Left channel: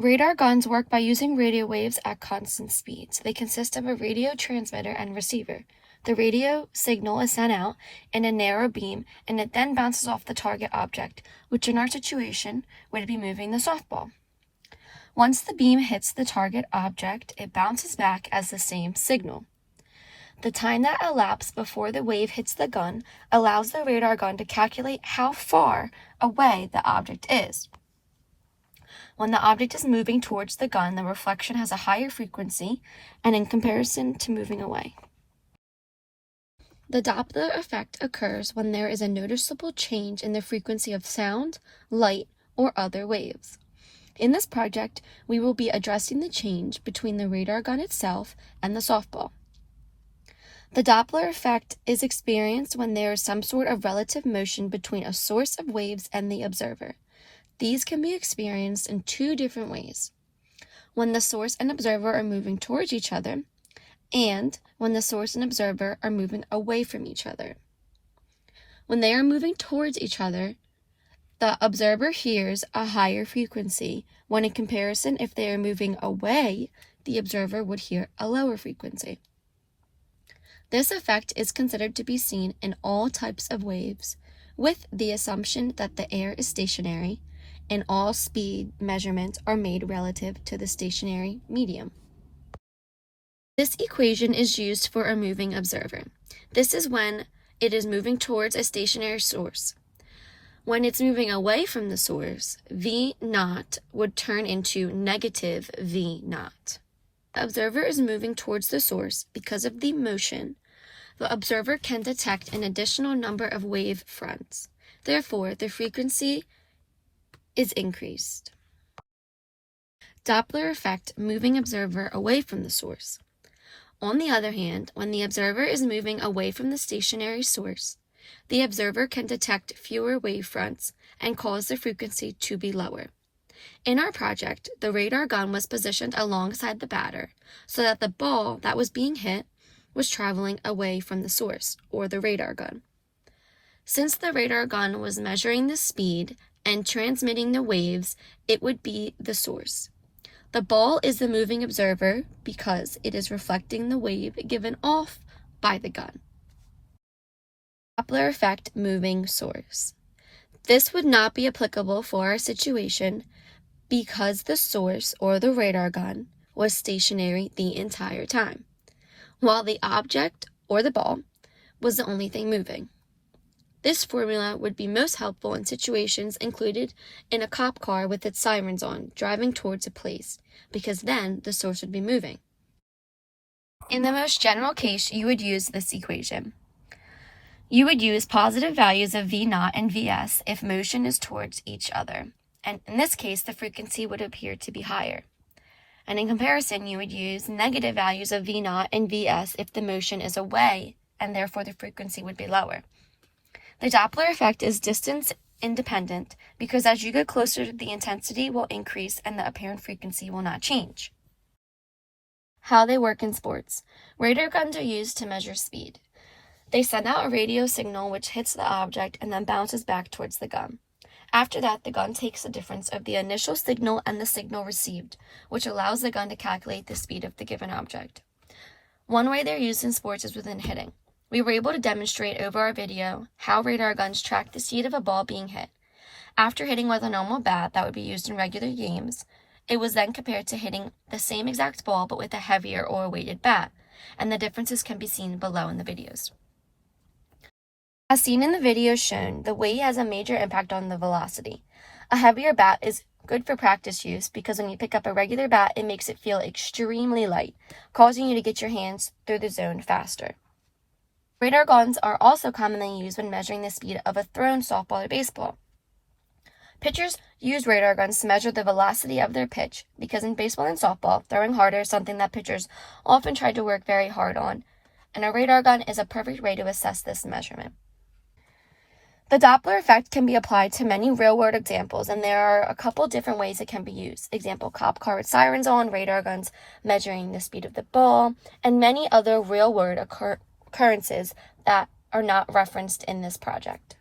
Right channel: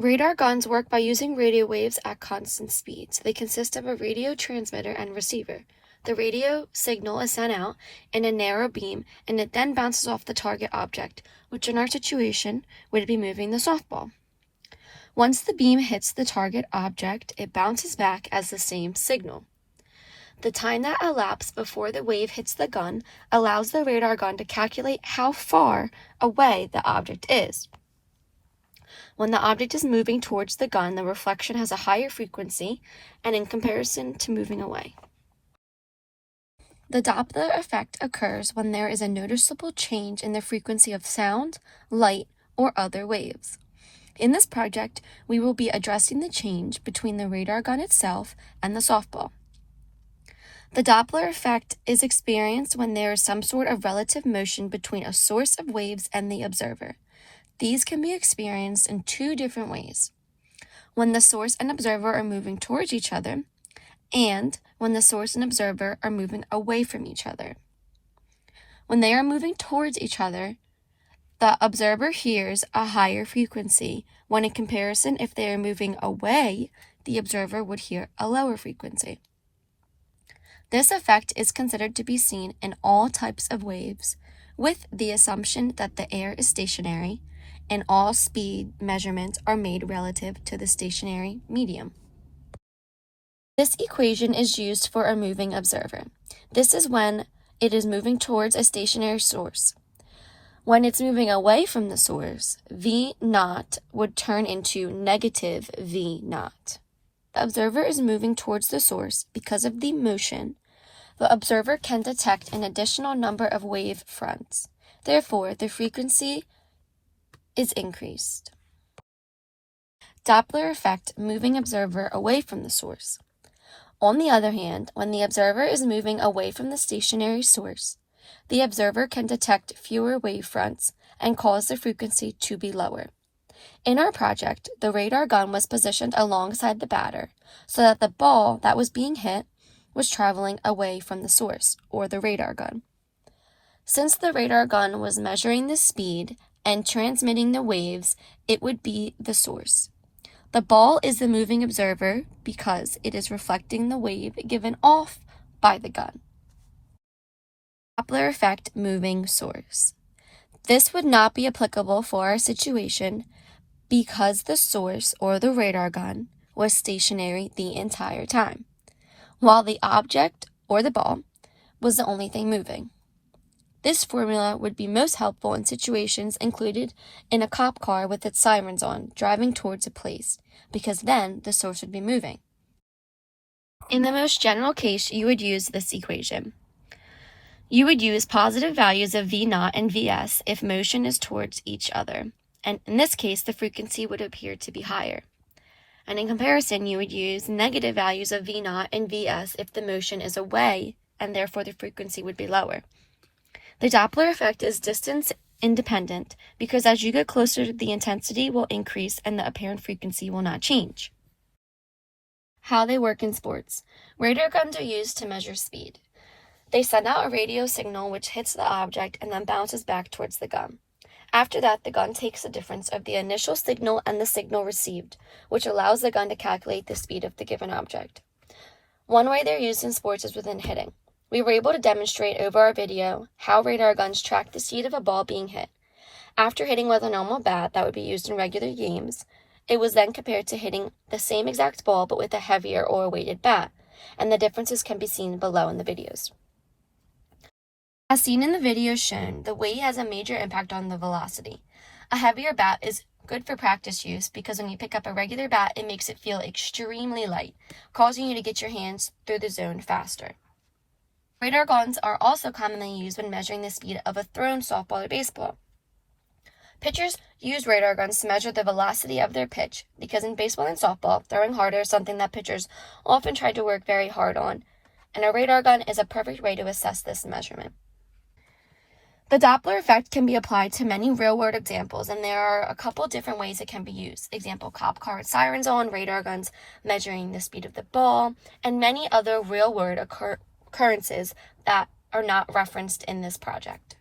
Radar guns work by using radio waves at constant speeds. They consist of a radio transmitter and receiver. The radio signal is sent out in a narrow beam, and it then bounces off the target object, which in our situation would be moving the softball. Once the beam hits the target object, it bounces back as the same signal. The time that elapsed before the wave hits the gun allows the radar gun to calculate how far away the object is. When the object is moving towards the gun, the reflection has a higher frequency and in comparison to moving away. The Doppler effect occurs when there is a noticeable change in the frequency of sound, light, or other waves. In this project, we will be addressing the change between the radar gun itself and the softball. The Doppler effect is experienced when there is some sort of relative motion between a source of waves and the observer. These can be experienced in two different ways: when the source and observer are moving towards each other, and when the source and observer are moving away from each other. When they are moving towards each other, the observer hears a higher frequency, when in comparison, if they are moving away, the observer would hear a lower frequency. This effect is considered to be seen in all types of waves, with the assumption that the air is stationary and all speed measurements are made relative to the stationary medium. This equation is used for a moving observer. This is when it is moving towards a stationary source. When it's moving away from the source, V naught would turn into negative V naught. The observer is moving towards the source because of the motion. The observer can detect an additional number of wave fronts. Therefore, the frequency is increased. Doppler effect, moving observer away from the source. On the other hand, when the observer is moving away from the stationary source, the observer can detect fewer wave fronts and cause the frequency to be lower. In our project, the radar gun was positioned alongside the batter so that the ball that was being hit was traveling away from the source, or the radar gun. Since the radar gun was measuring the speed and transmitting the waves, it would be the source. The ball is the moving observer because it is reflecting the wave given off by the gun. Doppler effect, moving source. This would not be applicable for our situation because the source, or the radar gun, was stationary the entire time, while the object, or the ball, was the only thing moving. This formula would be most helpful in situations included in a cop car with its sirens on, driving towards a place, because then the source would be moving. In the most general case, you would use this equation. You would use positive values of V naught and Vs if motion is towards each other, and in this case, the frequency would appear to be higher. And in comparison, you would use negative values of V naught and Vs if the motion is away, and therefore the frequency would be lower. The Doppler effect is distance independent because as you get closer, the intensity will increase and the apparent frequency will not change. How they work in sports. Radar guns are used to measure speed. They send out a radio signal which hits the object and then bounces back towards the gun. After that, the gun takes the difference of the initial signal and the signal received, which allows the gun to calculate the speed of the given object. One way they're used in sports is within hitting. We were able to demonstrate over our video how radar guns track the speed of a ball being hit. After hitting with a normal bat that would be used in regular games, it was then compared to hitting the same exact ball but with a heavier or a weighted bat, and the differences can be seen below in the videos. As seen in the videos shown, the weight has a major impact on the velocity. A heavier bat is good for practice use because when you pick up a regular bat, it makes it feel extremely light, causing you to get your hands through the zone faster. Radar guns are also commonly used when measuring the speed of a thrown softball or baseball. Pitchers use radar guns to measure the velocity of their pitch because in baseball and softball, throwing harder is something that pitchers often try to work very hard on, and a radar gun is a perfect way to assess this measurement. The Doppler effect can be applied to many real-world examples, and there are a couple different ways it can be used. Example, cop car with sirens on, radar guns measuring the speed of the ball, and many other real-world occurrences that are not referenced in this project.